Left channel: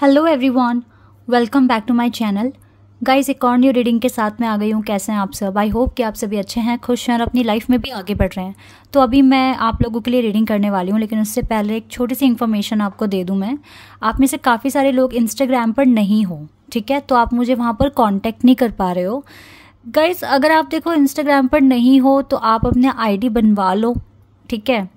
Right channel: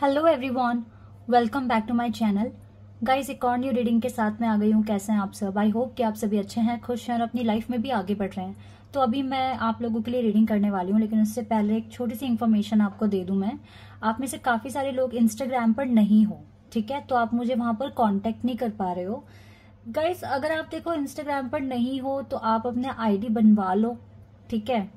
Hello everyone, welcome back to my channel. Guys, एक और new reading के साथ मैं आ गई हूँ। कैसे हैं आप सब? आई होप कि आप सभी अच्छे हैं, खुश हैं और अपनी लाइफ में भी आगे बढ़ रहे हैं। तो अभी मैं आप लोगों के लिए रीडिंग करने वाली हूँ, लेकिन उससे पहले एक छोटी सी इन्फॉर्मेशन आपको दे दूँ मैं। आप में से काफ़ी सारे लोग इंस्टाग्राम पर नहीं हो, ठीक है? तो आप मुझे वहाँ पर कॉन्टैक्ट नहीं कर पा रहे हो। गाइस, अगर आप देखो इंस्टाग्राम पर नहीं हो तो आप अपने आईडी बनवा लो, ठीक है?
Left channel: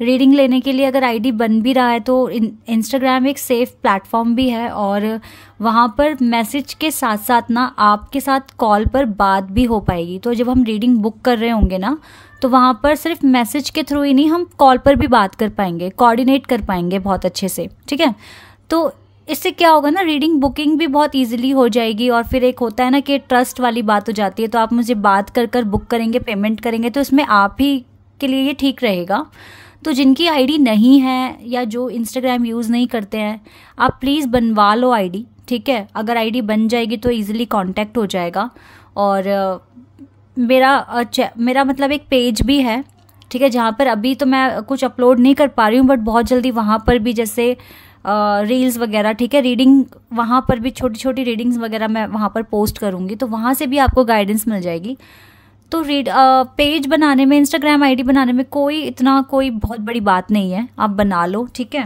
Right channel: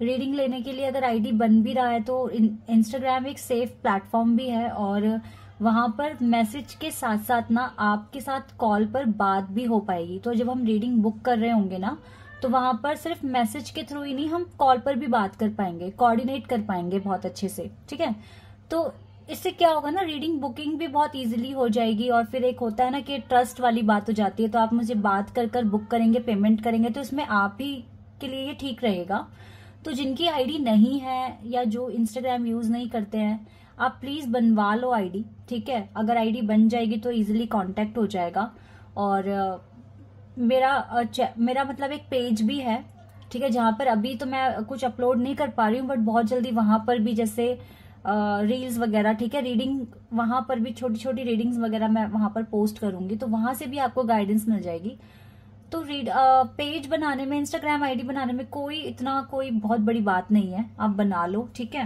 रीडिंग लेने के लिए अगर आईडी बन भी रहा है तो इंस्टाग्राम एक सेफ प्लेटफॉर्म भी है, और वहाँ पर मैसेज के साथ साथ ना आपके साथ कॉल पर बात भी हो पाएगी। तो जब हम रीडिंग बुक कर रहे होंगे ना, तो वहाँ पर सिर्फ मैसेज के थ्रू ही नहीं, हम कॉल पर भी बात कर पाएंगे, कोऑर्डिनेट कर पाएंगे बहुत अच्छे से, ठीक है? तो इससे क्या होगा ना, रीडिंग बुकिंग भी बहुत इजीली हो जाएगी। और फिर एक होता है ना कि ट्रस्ट वाली बात हो जाती है, तो आप मुझे बात कर कर बुक करेंगे, पेमेंट करेंगे, तो इसमें आप ही के लिए ये ठीक रहेगा। तो जिनकी आईडी नहीं है या जो इंस्टाग्राम यूज़ नहीं करते हैं, आप प्लीज़ बनवा लो आईडी, ठीक है? अगर आईडी बन जाएगी तो इजीली कांटेक्ट हो जाएगा। और मेरा मतलब एक पेज भी है, ठीक है? जहाँ पर अभी तो मैं कुछ अपलोड नहीं कर पा रही हूँ, बट बहुत जल्दी वहाँ पर भी जैसे रील्स वगैरह, ठीक है, रीडिंग, वहाँ पर भी छोटी छोटी रीडिंग्स वगैरह मैं वहाँ पर पोस्ट करूँगी, तो वहाँ से भी आपको गाइडेंस मिल जाएगी। तो पेज बनाने में, इंस्टाग्राम आईडी बनाने में कोई बहुत बड़ी बात नहीं है, आप बना लो, ठीक है?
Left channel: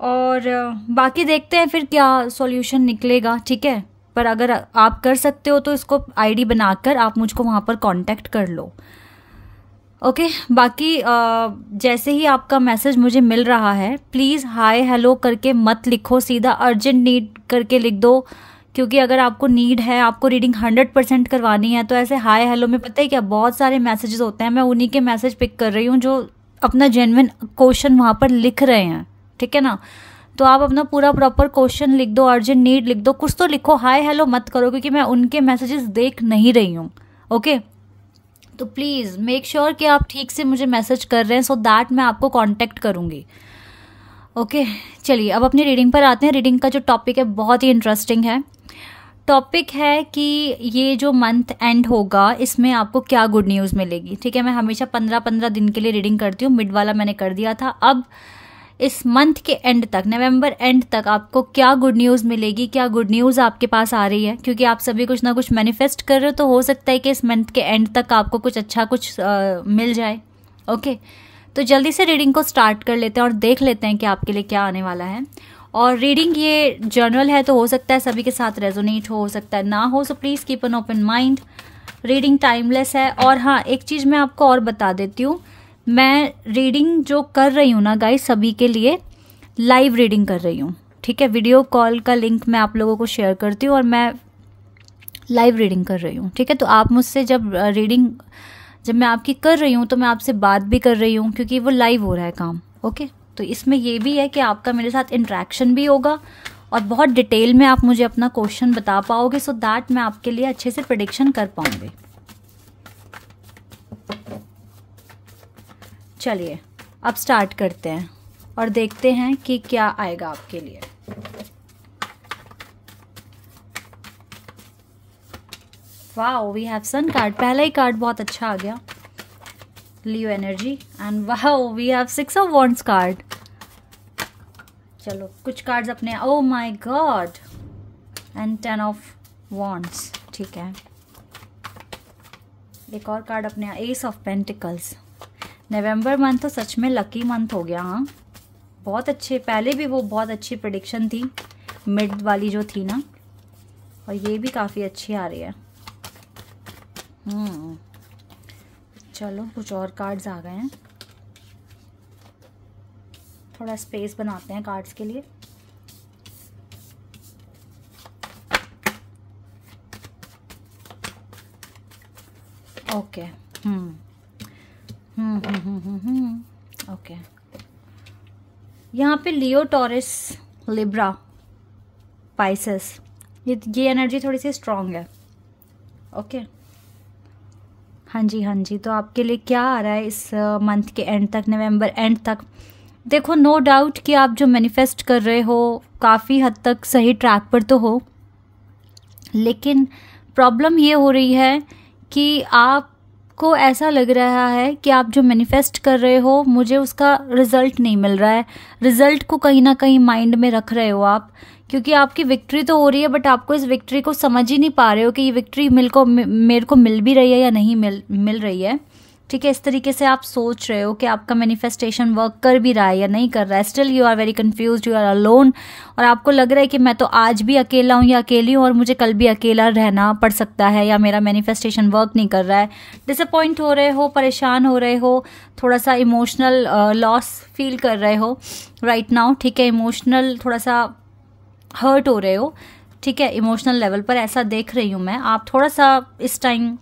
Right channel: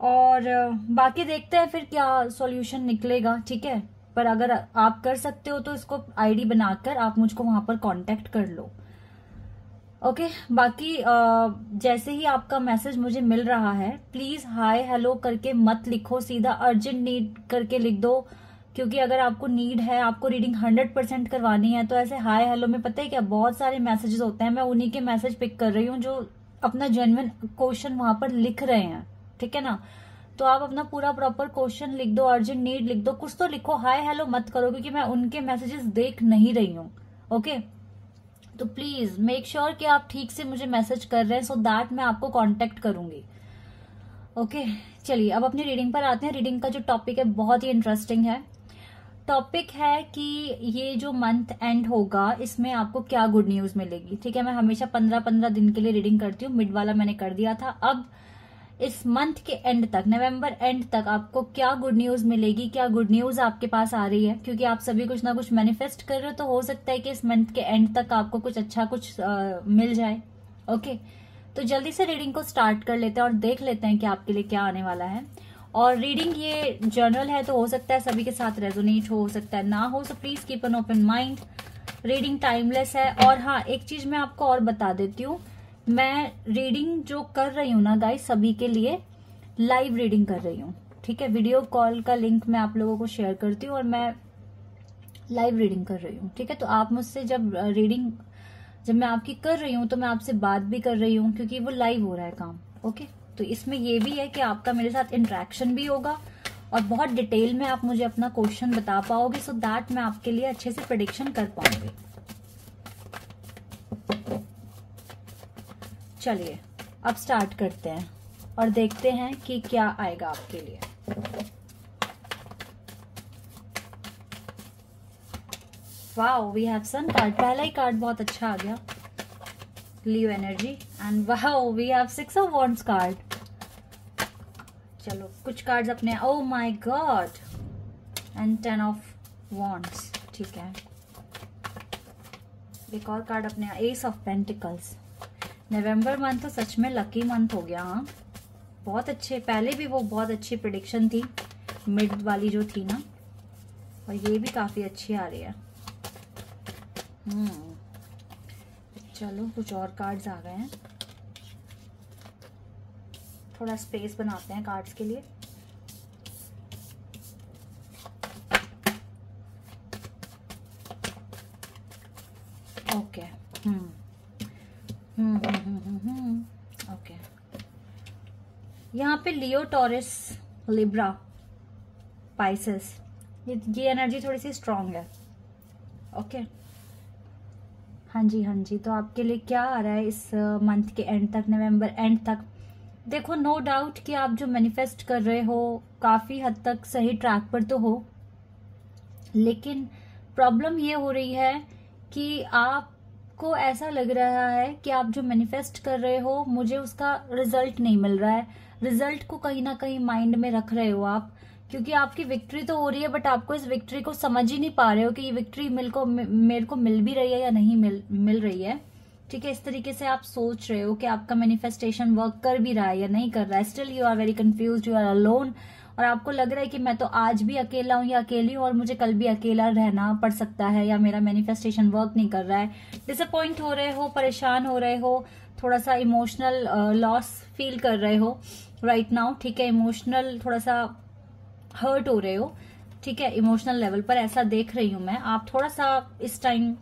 और बाकी देखते हैं फिर क्या सॉल्यूशन निकलेगा, ठीक है? पर अगर आप कर सकते हो तो इसको आईडी बनाकर आप मुझको वहाँ पर कांटेक्ट कर लो, ओके? बाकी जैसे ही आपका मैसेज मुझे मिल रहा है, प्लीज़ हाय हेलो करके मत लिखो, सीधा अर्जेंट नीड करके लिख दो। क्योंकि अगर आपको नीड है, आपको रीडिंग 100% करवानी है, तो ऐसे हाय हेलो में पता है क्या, बहुत सारे मैसेजेस होते हैं। मैं उन्हीं के मैसेज पिक कर रही हूँ जो अपना जेन्युइन क्वेश्चन वहाँ पर लिख रहे हैं, ठीक है ना? तो आप अपना पूरा प्रॉपर क्वेश्चन लिख दो, अर्जेंट नीड लिख दो, कुछ तो लिखो, हाय हेलो मत करो, क्योंकि मैं उनके मैसेजेस देख नहीं रही हूँ, ओके? तो प्लीज़ मेक श्योर कि आप ठीक से मुझे मैसेज कर रहे हैं, सो दैट मैं आपको कॉन्टेक्ट करूँगी, ओके? चलिए अब अपनी रीडिंग पर आते हैं। रीडिंग का जो टॉपिक है बहुत ही इंटरेस्टिंग है। टॉपिक है कि ये जो मंथ एंड होगा, इसमें आपको क्या गुड न्यूज़ मिलेगी, ठीक है? मैं हमेशा 15-15 दिन के लिए रीडिंग करती हूँ, मिड वाला मैंने कर दिया था। अब इस मंथ के एंड तक, नवंबर एंड तक, आपको क्या गुड न्यूज़ मिलेगी, क्या गुड न्यूज़ आपके पास आ रही है? क्योंकि आप सभी कुछ ना कुछ मैनिफेस्ट कर रहे हो, तो हो सकता है कि इस मंथ के एंड तक आपको कुछ अच्छा कुछ मिल जाए, ओके? तो जल्दी से रीडिंग को स्टार्ट कर लेते हैं और देख लेते हैं कि आपके लिए क्या आने वाला है। और रीडिंग ये जर्नल है, तो हो सकता है सभी के साथ रेजोनेट हो सकता है ना हो, so please keep an open mind. Reading timeless है। और हाँ, एक चीज़ मैं आपको और बता देती हूँ, मैं रीडिंग जो कर रही हूँ ना गाइस, सभी के लिए लाइव रीडिंग कर रही हूँ, ठीक है? वीडियो कॉल का लिंक मैं आप लोगों को शेयर करती हूँ और मैं लाइव रीडिंग कर रही हूँ, ठीक है? तो आप मुझसे जब मैं आपकी कर रही हूँ तो मैं आपसे बात भी कर रही हूँ, क्योंकि वो लाइव हो रहा है काम, ओके? तो इसमें ये भी है कि आपका मेरे साथ इंटरेक्शन भी होगा और बहुत डिटेल में आप मुझे अपना क्वेश्चन बता पाओगे, सो दैट मैं आपके लिए अच्छे से प्रेडिक्शन कर पाऊंगी। चलिए अब स्टार्ट करते हैं और देखते हैं कि क्या आएगा आपके लिए। Wow, we have sun card. पहला ही कार्ड बहुत अच्छा आ गया, Leo energy. And wow, we have 6 of wands card. चलो कुछ कार्ड्स अपने, oh my god, and 10 of wands, ठीक है? एक और कार्ड अपने, एस ऑफ पेंटिकल्स। नवंबर मंथ तो सच में लकी मंथ हो गया, हाँ? बहुत अच्छे, पहले भी वो बहुत अच्छी प्रेडिक्शन थी, मिड वाली जो थी ना, और ये भी काफ़ी अच्छी आ रही है। चलो कुछ और कार्ड्स आ गए हैं, थोड़ा स्पेस बनाते हैं कार्ड्स के लिए। Okay, okay. यहाँ पे लियो, टॉरस, लिब्रा, पाइसेस, ये एनर्जी थोड़ी सी स्ट्रांग है, ओके? हाँ जी, हाँ जी। तो आपके लिए क्या आ रहा है इस मंथ के एंड तक, नवंबर एंड तक? देखो, नो डाउट कि आप जो मैनिफेस्ट कर रहे हो काफ़ी हद तक सही ट्रैक पर तो हो, लेकिन प्रॉब्लम ये हो रही है कि आप आपको ऐसा लग रहा है कि आप जो मैनिफेस्ट कर रहे हो मुझे उसका रिजल्ट नहीं मिल रहा है, रिजल्ट को कहीं ना कहीं माइंड में रख रहे हो आप, क्योंकि आपकी विक्ट्री तो हो रही है बट आपको इस विक्ट्री को समझ ही नहीं पा रहे हो कि ये विक्ट्री मेरे को मिल भी रही है या नहीं मिल रही है। ठीक है, इस तरीके से आप सोच रहे हो कि आपका मैनिफेस्टेशन वर्क कर भी रहा है या नहीं कर रहा है। Still you are very confuse, you are alone, और आपको लग रहा है कि मैं तो आज भी अकेला हूँ या अकेली हूँ और मुझे कल भी अकेला रहना पड़ सकता है, या मेरा मैनिफेस्टेशन वर्क नहीं कर रहा है। डिसअपॉइंट हो रहे हो, परेशान हो रहे हो, थोड़ा सा इमोशनल लॉस फील कर रहे हो राइट नाउ। ठीक है, इमोशनल थोड़ा सा हर्ट हो रहे हो। ठीक है, इमोशनल लेवल पर ऐसा देख रही हूँ मैं। आप थोड़ा सा इस टाइम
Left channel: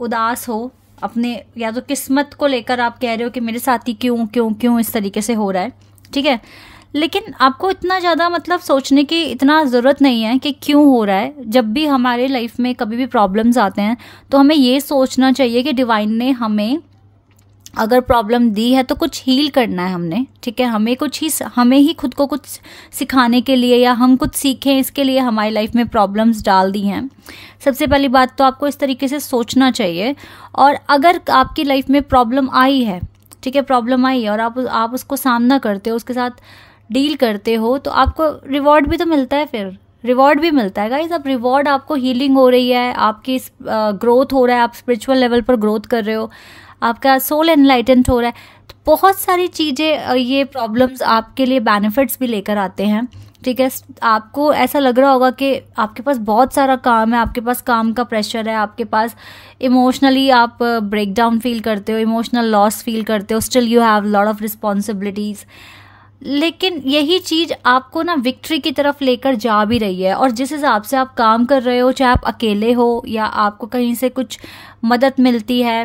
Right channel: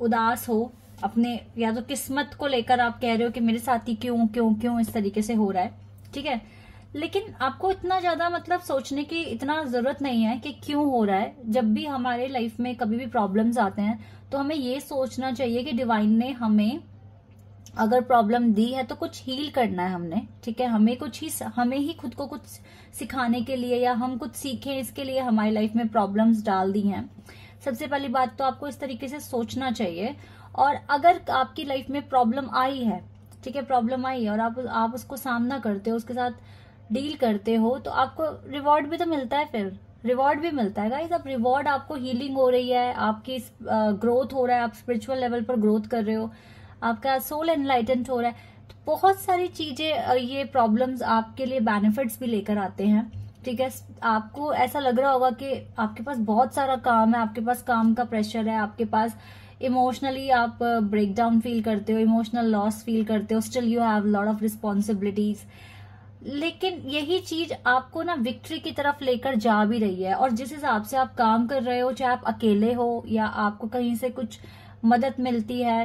उदास हो अपने, या तो किस्मत को लेकर आप कह रहे हो कि मेरे साथ ही क्यों क्यों क्यों इस तरीके से हो रहा है। ठीक है, लेकिन आपको इतना ज़्यादा मतलब सोचने की इतना ज़रूरत नहीं है कि क्यों हो रहा है। जब भी हमारे लाइफ में कभी भी प्रॉब्लम्स आते हैं तो हमें ये सोचना चाहिए कि डिवाइन ने हमें अगर प्रॉब्लम दी है तो कुछ हील करना है हमने। ठीक है, हमें ही खुद को कुछ सिखाने के लिए या हम कुछ सीखें इसके लिए हमारी लाइफ में प्रॉब्लम्स डाल दी हैं। सबसे पहली बात तो आपको इस तरीके से सोचना चाहिए। और अगर आपकी लाइफ में प्रॉब्लम आई है, ठीक है, प्रॉब्लम आई है और आप उसको सामना करते हो, उसके साथ डील करते हो, तो आपको रिवॉर्ड भी तो मिलता है, फिर रिवॉर्ड भी मिलता है गाइस। अब रिवॉर्ड आपको हीलिंग हो रही है, आपकी ग्रोथ हो रहा है, आप स्पिरिचुअल लेवल पर ग्रोथ कर रहे हो, आपका सोल एनलाइटेंट हो रहा है। तो बहुत सारी चीज़ें, ये प्रॉब्लम्स आपके लिए बेनिफिट्स भी लेकर आते हैं। ठीक है, आपको ऐसा लग रहा होगा कि आपके पास बहुत सारा काम है, आपके पास काम का प्रेशर है, आपके पास इमोशनली आप ब्रेक डाउन फील करते हो, इमोशनल लॉस फील करते हो, still you have lot of responsibilities. लेकिन यही चीज़ आपको ना विक्ट्री की तरफ लेकर जा भी रही है। और जिस हिसाब से आप काम कर रहे हो, चाहे आप अकेले हो या आपको कहीं से कुछ मदद मिलती है,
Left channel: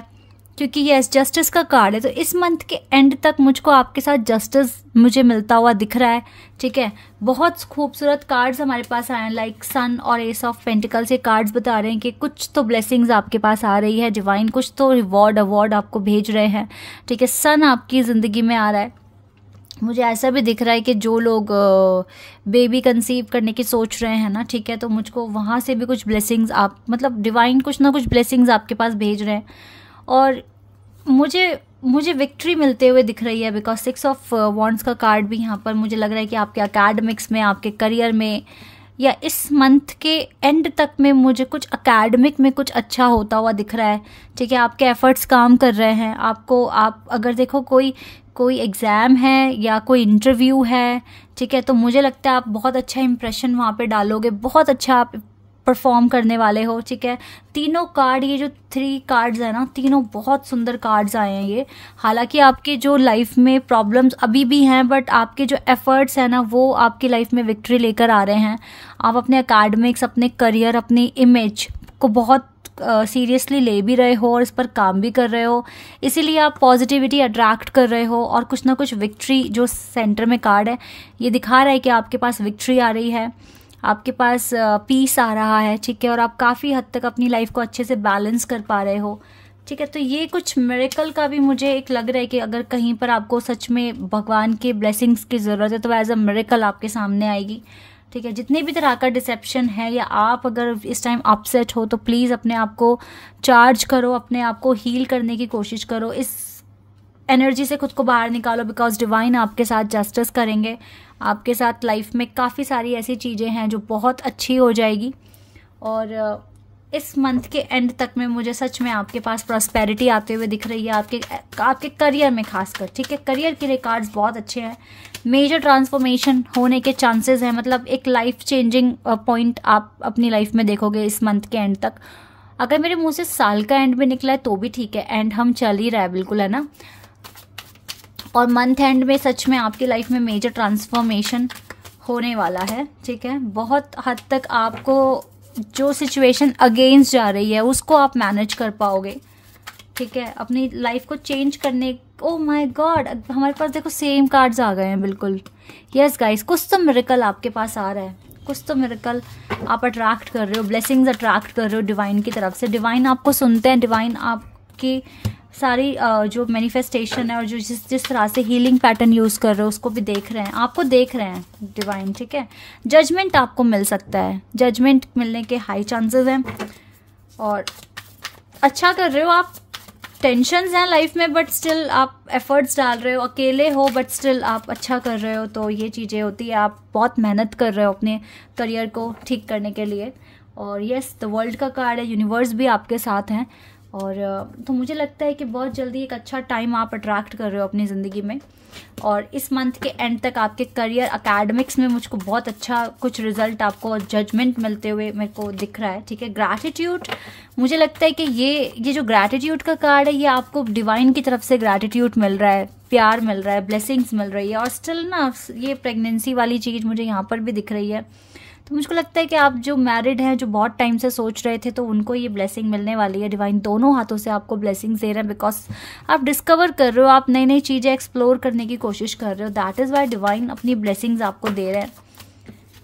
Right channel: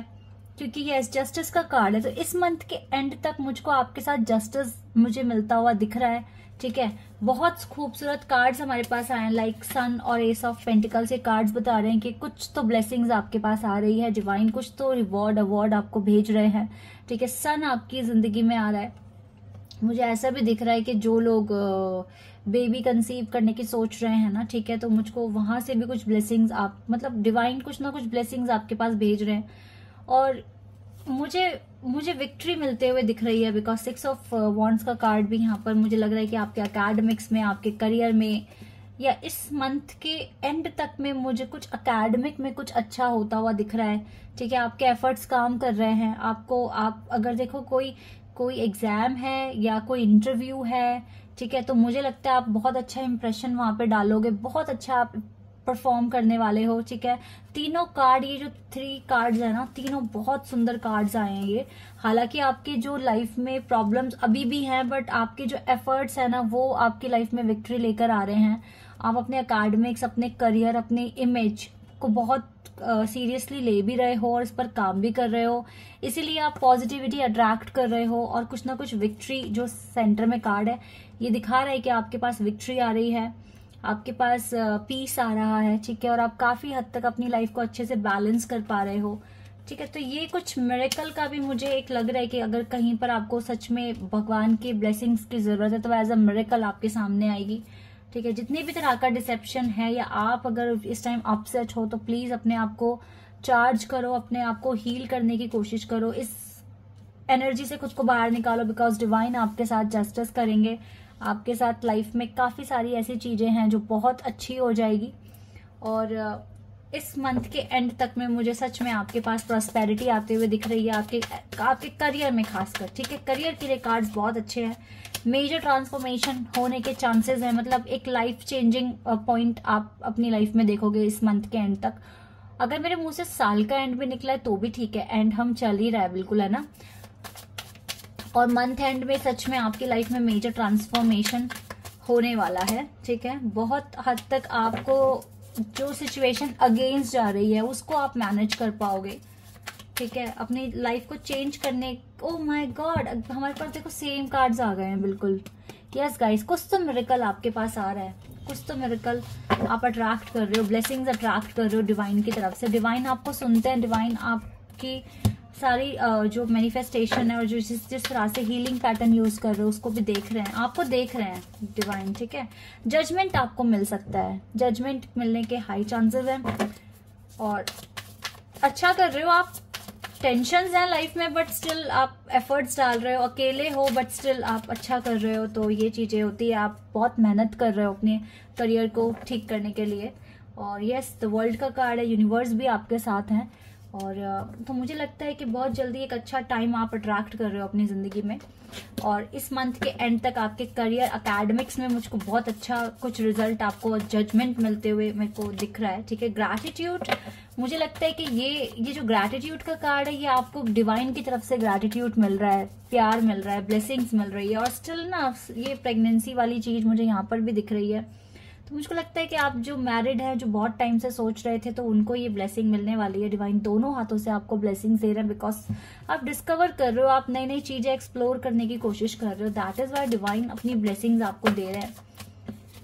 क्योंकि ये जस्टिस का कार्ड है, तो इस मंथ के एंड तक मुझको आपके साथ जस्टिस मुझे मिलता हुआ दिख रहा है। ठीक है, बहुत खूबसूरत कार्ड्स हमारे पास आए हैं, लाइक सन और एस ऑफ पेंटिकल्स। ये कार्ड्स बता रहे हैं कि कुछ तो ब्लेसिंग्स आपके पास आ रही है, डिवाइन कुछ तो रिवॉर्ड अवार्ड आपको भेज रहे हैं। ठीक है, सन आपकी ज़िंदगी में आ रहा है। मुझे ऐसा भी दिख रहा है कि जो लोग बेबी कंसीव करने की सोच रहे हैं ना, ठीक है, तो मुझको वहाँ से भी कुछ ब्लेसिंग्स आप मतलब डिवाइन कुछ ना कुछ ब्लेसिंग्स आपके पास भेज रहे हैं। और मुझे विक्ट्री मिलते हुए दिख रही है, बिकॉज 6 ऑफ वॉन्ड्स का कार्ड भी यहाँ पर मुझे लग रहा है कि आपके एकेडमिक्स में, आपके करियर में, या इस मंथ के एंड तक में मुझे कुछ एकेडमिक में कुछ अच्छा होता हुआ दिख रहा है। ठीक है, आपके एफर्ट्स काम कर रहे हैं। आप अगर देखो कोई एग्ज़ाम है या कोई इंटरव्यू है, ठीक है, तो मुझे लगता है आप बहुत अच्छा इंप्रेशन वहाँ पे डालोगे, बहुत अच्छा आप परफॉर्म करने वाले हो। ठीक है, तीनों कार्ड, ये जो 3 कार्ड्स है ना, तीनों बहुत सुंदर कार्ड्स आए हैं ये। हालांकि आपके जो लाइफ में प्रॉब्लम्स अभी भी हैं, बट आपके जो एफर्ट्स हैं ना, वो आपकी लाइफ में विक्ट्री लेकर आ रहे हैं। आप अपने एकेडमिक्स, अपने करियर, अपनी इमेज को बहुत सीरियसली ले भी रहे हो और इस पर काम भी कर रहे हो, इसीलिए आप पॉजिटिविटी अट्रैक्ट कर रहे हो। और कुछ ना कुछ विक्ट्री, जो सेंटर में कार्ड है ये दिखा रहा है कि आपके पास विक्ट्री आ रही है, आपके पास पीस आ रहा है। ठीक है, और आप काफ़ी हद तक अपनी लाइफ को अच्छे से बैलेंस कर पा रहे हो। ठीक है, तो ये कुछ मिरेकल का भी मुझे एक लग रहा है कि अगर कहीं पर आपको सच में भगवान के ब्लेसिंग्स की ज़रूरत है तो एज अ मिरेकल आपके सामने आएगी। ठीक है, जितने भी तरह का डिसेप्शन है, या आप अगर इस टाइम अपसेट हो तो प्लीज़ अपने आप को चार्ज करो, अपने आप को हील करने की कोशिश करो, इस एनर्जी से खुद को बाहर निकालो, बिकॉज डिवाइन आपके साथ जस्टिस करेंगे। आपके साथ लाइफ में काफ़ी सारी ऐसी चीज़ें हैं जो बहुत अच्छी हो जाएगी। और इस मंथ के एंड तक में मुझे सच में आपके पास प्रॉस्पेरिटी आते हुए दिख रही है, आपके करियर में खासकर। ठीक है, करियर के लिए कार्ड्स बहुत अच्छे हैं। मेजर ट्रांसफॉर्मेशन होने के चांसेस हैं, मतलब एक लाइफ चेंजिंग पॉइंट आप अपनी लाइफ में देखोगे इस मंथ के एंड तक। अगर मेरे मुंह से साल का एंड भी निकला है तो भी ठीक है, एंड हम चल ही रहा है बिल्कुल, है ना। और मंथ एंड में सच में आपकी लाइफ में मेजर ट्रांसफॉर्मेशन होने वाला है। ठीक है, बहुत हद तक आपको जो सिचुएशन अगेंस्ट जा रही है उसको आप मैनेज कर पाओगे। ठीक है, अपनी लाइफ को चेंज करने, ओ माय गॉड, हमारे पास देखो सेम कार्ड्स आ गए हैं बिल्कुल। यस गाइस, कुछ तो मिरेकल आपके पास आ रहा है, कुछ तो मिरेकल आप अट्रैक्ट कर रहे हो, ब्लेसिंग्स अट्रैक्ट कर रहे हो डिवाइन की तरफ से। डिवाइन आपको सुनते हैं, डिवाइन आपकी सारी जो मैनिफेस्टेशन है और जो जिस तरह से हीलिंग पैटर्न यूज़ कर रहे हो उसको भी देख रहे हैं, आपको देख रहे हैं डिवाइन। ठीक है, जजमेंट आपको मिल सकता है, जजमेंट मिलने के हाई चांसेस हैं। और अच्छा कर रहे हो आप, टेंशन्स हैं लाइफ में, बट स्टिल आप एफर्ट्स डाल रहे हो, अकेले हो बट स्टिल आप अच्छा कर रहे हो, तो ये चीज़ें होती है। आप बहुत मेहनत कर रहे हो अपने करियर को ठीक करने के लिए। और यस, द वर्ल्ड का कार्ड है, यूनिवर्स भी आपके साथ हैं। और तो मुझे लगता है कि बहुत जल्दी एक अच्छा टाइम आप अट्रैक्ट कर रहे हो अपनी ज़िंदगी में। और इस मंथ के एंड तक आपके करियर एकेडमिक्स में मुझको बहुत अच्छा कुछ रिजल्ट, आपको जजमेंट मिलते हुए मेरे को दिख रहा है, ठीक है। ग्रैटिट्यूड, मुझे लगता है कि ये जो ग्रैटिट्यूड का कार्ड है, ये आपको डिवाइन की तरफ से ग्रैटिट्यूड मिल रहा है, प्यार मिल रहा है, ब्लेसिंग्स मिल रही है। और स्टिल ना ये प्रेगनेंसी वाली चीज़ मुझे यहाँ पर भी दिख रही है। तो मुझको लगता है कि आप जो मैरिड हैं, जो बहुत टाइम से सोच रहे थे, तो उनको ये ब्लेसिंग मिलने वाली है। डिवाइन दोनों हाथों से आपको ब्लेसिंग्स दे रहे हैं, बिकॉज आप डिस्कवर कर रहे हो, आप नई नई चीज़ें एक्सप्लोर करने की कोशिश कर रहे हो। दैट इज़ वाई डिवाइन अपनी ब्लेसिंग्स आपको दे रहे हैं,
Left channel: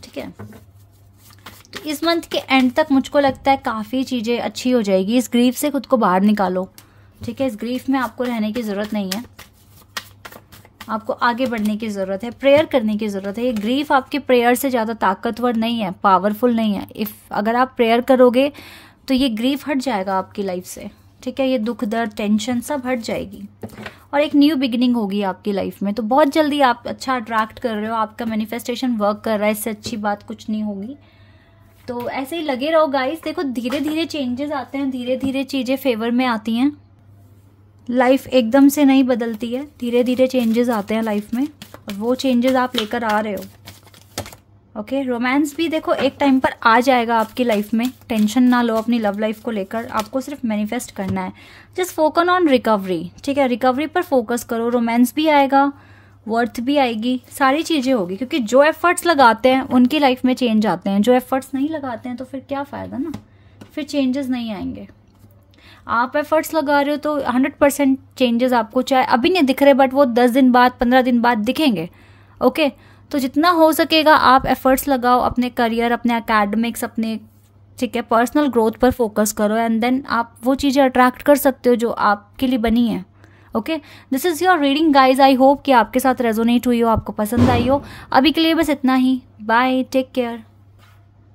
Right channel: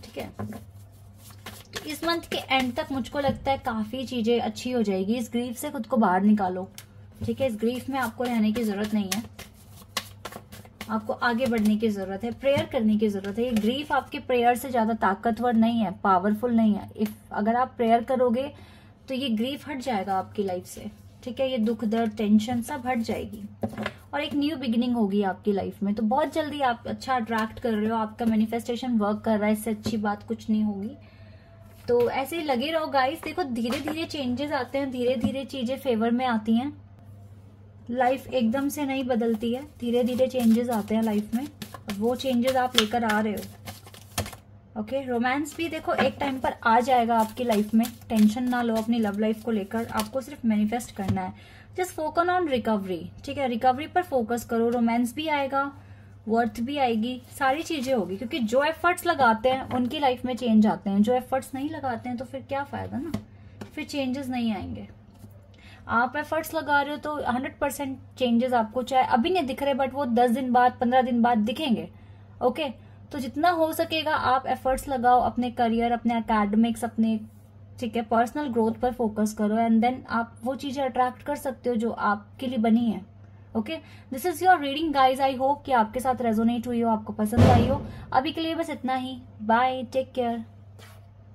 ठीक है। तो इस मंथ के एंड तक मुझको लगता है काफ़ी चीज़ें अच्छी हो जाएगी। इस ग्रीफ से खुद को बाहर निकालो, ठीक है। इस ग्रीफ में आपको रहने की ज़रूरत नहीं है, आपको आगे बढ़ने की ज़रूरत है, प्रेयर करने की ज़रूरत है। ये ग्रीफ आपके प्रेयर से ज़्यादा ताकतवर नहीं है, पावरफुल नहीं है। अगर आप प्रेयर करोगे तो ये ग्रीफ हट जाएगा आपकी लाइफ से, ठीक है। ये दुख दर्द टेंशन सब हट जाएगी और एक न्यू बिगिनिंग होगी आपकी लाइफ में। तो बहुत जल्दी आप अच्छा अट्रैक्ट कर रहे हो, आपका मैनिफेस्टेशन वर्क कर रहा है, इससे अच्छी बात कुछ नहीं होगी। तो ऐसे ही लगे रहो गाइस। देखो धीरे धीरे चेंजेस आते हैं, धीरे धीरे चीज़ें फेवर में आती हैं। लाइफ एकदम से नहीं बदलती है, धीरे धीरे चेंजेस आते हैं लाइफ में, और वो चेंजेस आप लेकर आ रहे हो। ओके, रोमांस भी देखो एक टाइम पर आ जाएगा आपकी लाइफ में। टेंशन ना लो अपनी लव लाइफ को लेकर, आपको सिर्फ मैनिफेस्ट करना है। जस्ट फोकस ऑन रिकवरी, ठीक है। रिकवरी पर फोकस करो, रोमांस भी आएगा, वर्थ भी आएगी, सारी चीज़ें होगी। क्योंकि जो एफर्ट्स लगाते हैं उनकी लाइफ में चेंज आते हैं, जो एफर्ट्स नहीं लगाते हैं तो फिर क्या फ़ायदा ना, फिर चेंजेस नहीं आएंगे। आप एफर्ट्स लगा रहे हो तो 100% चेंजेस आपको चाहे अभी नहीं दिख रहे, बट वो 10 दिन बाद 15 दिन बाद दिखेंगे। ओके, तो जितना हो सकेगा आप एफर्ट्स लगाओ अपने करियर, अपने एकेडमिक्स, अपने, ठीक है, पर्सनल ग्रोथ पर फोकस करो, एंड देन आप वो चीज़ें अट्रैक्ट कर सकते हो जो आपके लिए बनी है। Okay, this is your reading guys. I hope कि आपके साथ रेजोनेट हुई हो, आपको पसंद आई हो। अभी के लिए बस इतना ही। Bye, take care.